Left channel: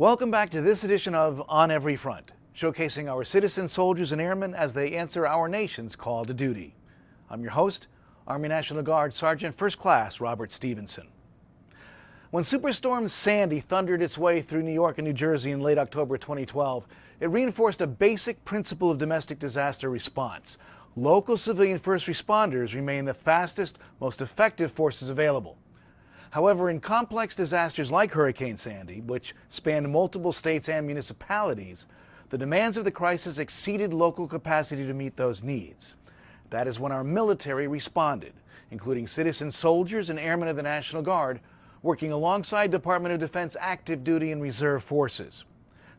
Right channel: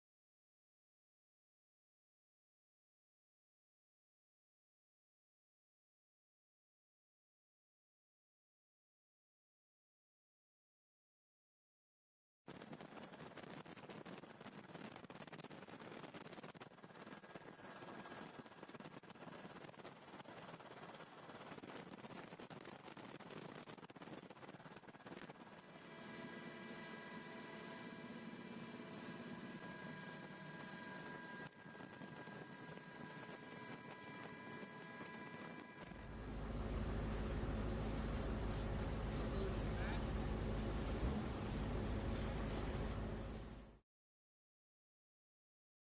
Welcome back to this edition of On Every Front, showcasing our citizen soldiers and airmen as they answer our nation's call to duty. I'm your host, Army National Guard Sergeant First Class Robert Stevenson. When Superstorm Sandy thundered its way through New York and New Jersey in late October 2012, it reinforced a basic principle of domestic disaster response. Local civilian first responders remain the fastest, most effective forces available. However, in complex disasters like Hurricane Sandy, which spanned multiple states and municipalities, the demands of the crisis exceeded local capacity to meet those needs. That is when our military responded, including citizen soldiers and airmen of the National Guard, working alongside Department of Defense active duty and reserve forces.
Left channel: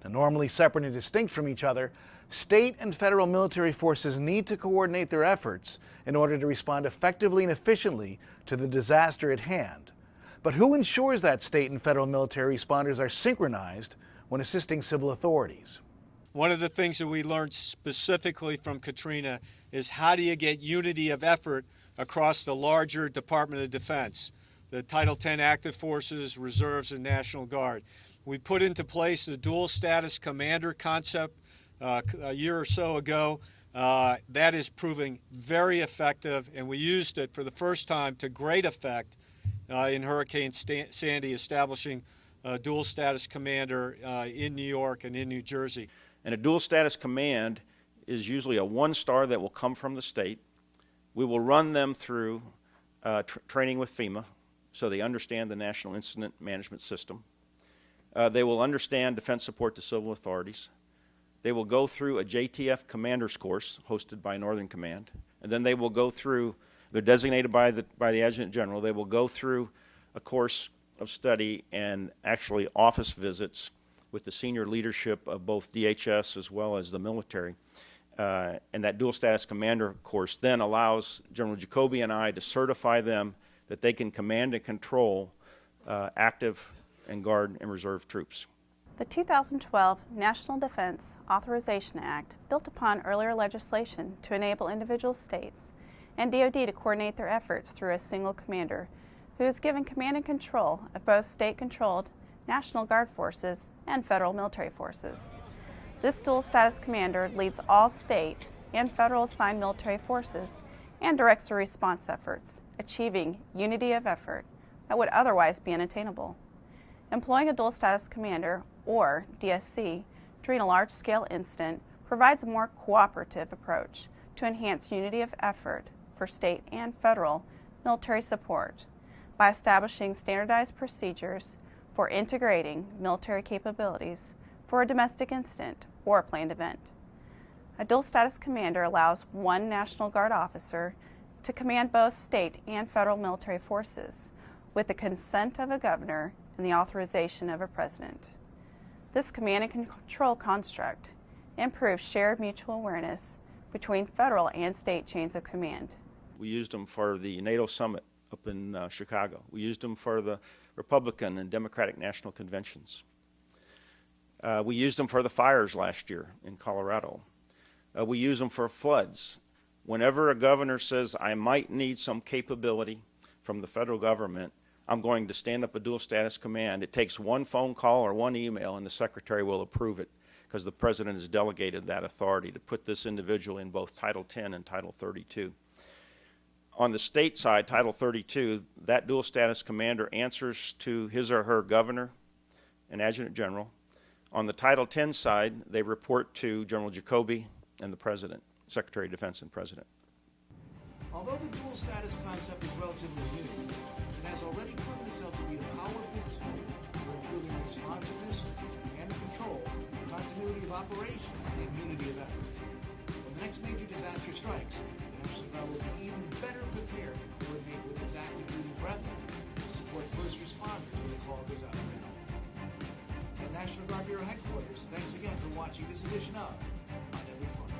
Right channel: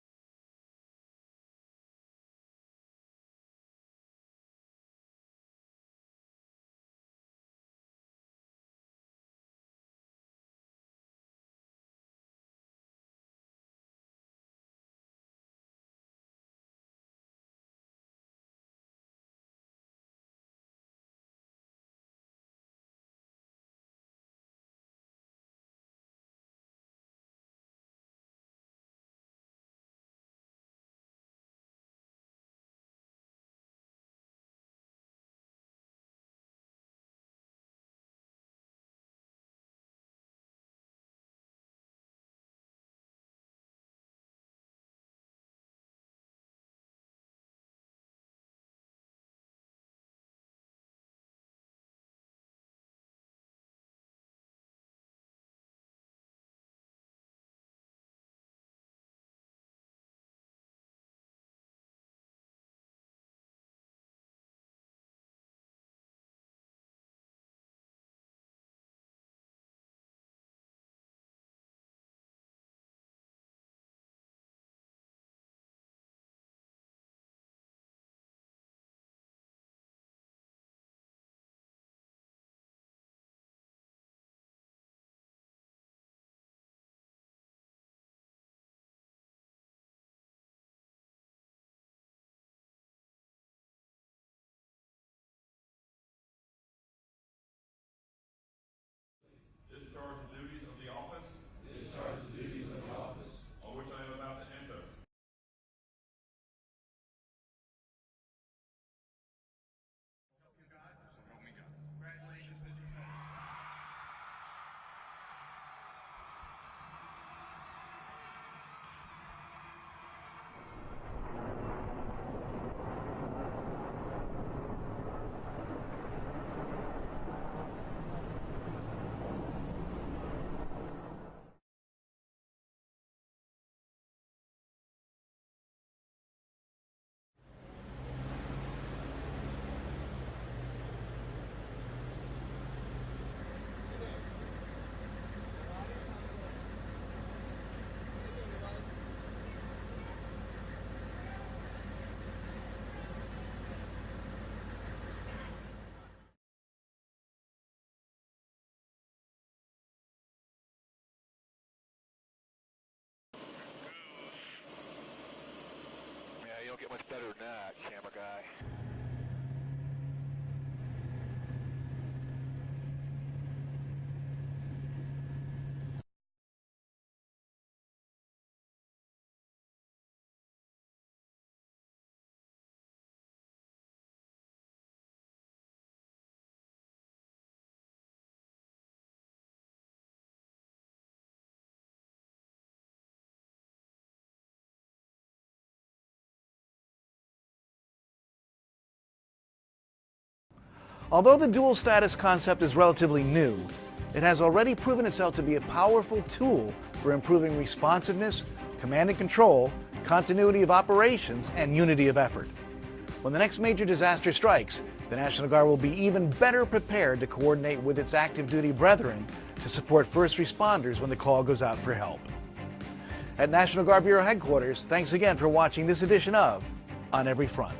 Now, normally separate and distinct from each other, state and federal military forces need to coordinate their efforts in order to respond effectively and efficiently to the disaster at hand. But who ensures that state and federal military responders are synchronized when assisting civil authorities? One of the things that we learned specifically from Katrina is how do you get unity of effort across the larger Department of Defense, the Title X active forces, reserves, and National Guard. We put into place the dual status commander concept a year or so ago. That is proving very effective, and we used it for the first time to great effect in Hurricane Sandy, establishing a dual status commander in New York and in New Jersey. And a dual status command is usually a one-star that will come from the state. We will run them through training with FEMA so they understand the National Incident Management System. They will understand defense support to civil authorities. They will go through a JTF commander's course hosted by Northern Command, and then they will go through, they're designated by the Adjutant General, they will go through a course of study and actually office visits with the senior leadership of both DHS as well as the military. And that dual status commander course then allows General Jacoby and I to certify them that they can command and control active and Guard and Reserve troops. The 2012 National Defense Authorization Act built upon earlier legislation to enable individual states and DoD to coordinate their efforts through a single commander who is given command and control of both state-controlled National Guard forces and federal military forces. This dual status commander leads all state and federal assigned military forces and directs their response efforts, achieving unity of effort that would otherwise be unattainable. Employing a dual status commander, or DSC, during a large-scale incident provides a more cooperative approach to enhance unity of effort for state and federal military support by establishing standardized procedures for integrating military capabilities for a domestic incident or a planned event. A dual status commander allows one National Guard officer to command both state and federal military forces with the consent of a governor and the authorization of a president. This command and control construct improves shared mutual awareness between federal and state chains of command. We used them for the NATO summit up in Chicago. We used them for the Republican and Democratic national conventions. We used them for the fires last year in Colorado. We use them for floods. Whenever a governor says, I might need some capability from the federal government, I'm going to stand up a dual status command. It takes one phone call or one email and the secretary will approve it because the president has delegated that authority to put this individual in both Title X and Title 32. On the state side, Title 32, that dual status commander answers to his or her governor and adjutant general. On the Title X side, they report to General Jacoby and the president, Secretary of Defense and president. Although the dual status concept is relatively new, it has already proven itself to be a powerful tool for improving responsiveness, command and control, continuity of operations, and unity of effort. When the next major disaster strikes, the National Guard will be even better prepared to coordinate with its active duty brethren to support first responders when the call goes out for help. At National Guard Bureau Headquarters, thanks again for watching this edition of On Every Front.